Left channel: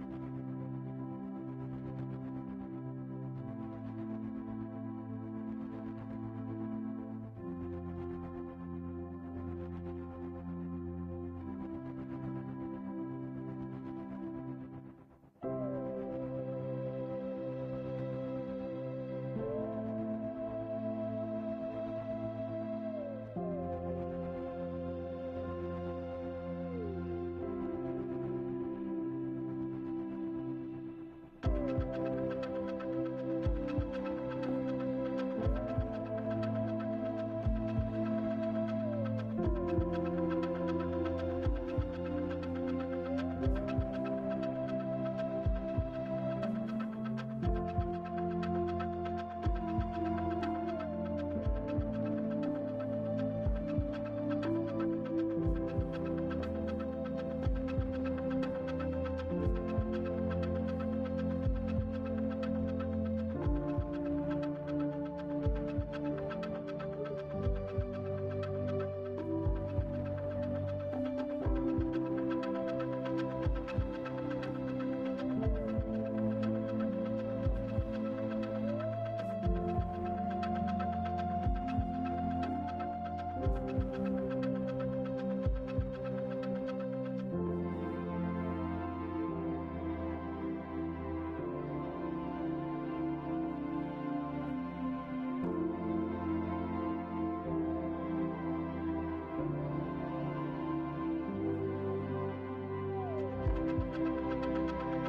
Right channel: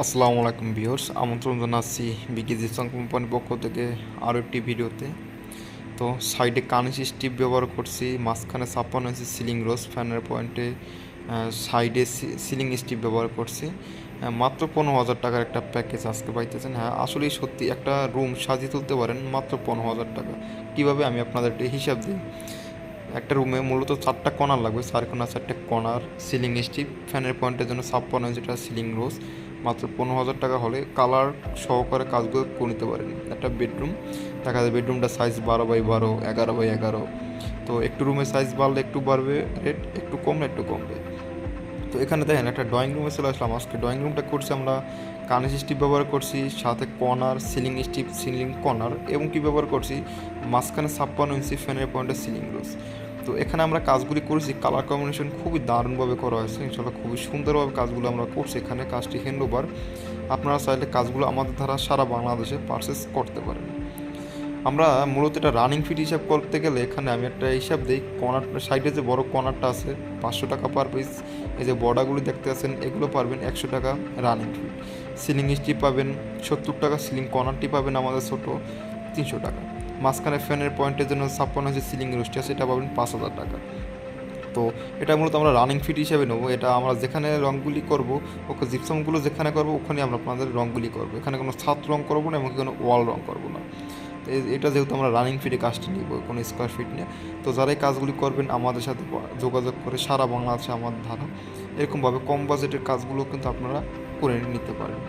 আসসালামু আলাইকুম ভিউয়ার্স, আমন্ত্রণ জানাচ্ছি বিকে জিপসাম কোম্পানির পক্ষ থেকে আরও একটি ভিডিওতে। তো সাইডে কানিস স্টিপ ব্যবহার করছি, মাঝখানে 56 ইঞ্চি সিলিং রোজ ফ্যানের পয়েন্টে, সাইডে সিলিং স্টিপ ব্যবহার করছি। মাত্র 15,000 টাকার একটা প্যাকেজ আজকে পাইতেছেন। হ্যাঁ, আসলেই সত্যি একটা রুম সাজিয়ে তুলতে পারেন মাত্র 15,000 টাকা। কীভাবে আমি আপনাদের একটা হিসাব দিই। একটা রুমে মূলত 4টা কর্নার লাগবে, 4 কর্নার, সিলিং স্টিপ, ফ্যানের পয়েন্টের জন্য 56 ইঞ্চিটা সিলিং রোজ। মাত্র 15,000 টাকা হলে কালার সহকারে কাজগুলো করে নিতে পারেন। একটা বেডরুম দেখা যায়, বেডরুমটা সাইজ 12x12, 11x11। তো একটু রুমের সাইজ বাড়লে একটু বাড়বে রেট, একটু কমলে একটু কমবে। তো এখানে দেখেন একটা ড্রয়িং রুমে চলে আসলাম। আজকে ড্রয়িং রুমটা করছি আমরা কানিস স্টিপ ব্যবহার করছি, সাথে corner, ceiling strip, ceiling corner, এবং কি ব্যবহার করছি মাঝখানে 56 ইঞ্চি ফ্যানের পয়েন্টের সিলিং রোজ। তো এখানে আমরা কাজগুলি করেছি, কালার কম্বিনেশন খুবই দারুণভাবে করা হয়েছে। ইনশাল্লাহ খুবই সুন্দরভাবে কাজগুলো আমরা করছি। এখানে কাজটি হ্যান্ডওভার। আপনারা চাইলে কাজগুলো আমাদের দ্বারা সারা বাংলাদেশে পারচেস করতে পারেন। আমরা মূলত এটা রানিং ফিট হিসাব করতে গেলে এখানে আমি একটা হিসাব দিই। কর্নার সাইডে যে বড় কর্নারটা আছে 500 টাকা পার পিস। এই যে বর্ডারগুলি দেখতে আছেন এগুলো পারবেন 100 টাকা রানিং ফিট। সিলিং স্টিপ পাবেন 70 টাকা, সিলিং কর্নারটি পাবেন আমাদের ছোট 300 টাকা। মাঝখানে ফ্যানের পয়েন্টের জন্য 56 ইঞ্চি সিলিং রোস্টটা সেটা পাবেন 5,000 টাকা। তো এটা মূলত আমরা রানিং ফিট হিসাবে নেবো। এটা আমরা যেখানে রঙগুলি করব, ওকে জিপসামগুলো যেখানে করবো ওখানে আমরা আপনাদের রঙগুলি করবো। এখানে কোনো ছাদ রঙ করবো না, এমনকি কোনো ওয়াল রঙ করবো না। এটা যেহেতু আমরা রানিং ফিটে কাজটি নিব, কোনো স্কোয়ার ফিট নিয়ে। তো যারা এই কাজগুলি করবেন আমাদের সাথে যোগাযোগ করে সারা বাংলাদেশে আমার ধারণা এরকমভাবে কম বাজেটের কাজগুলো কিন্তু আপনারা করে নিতে পারেন।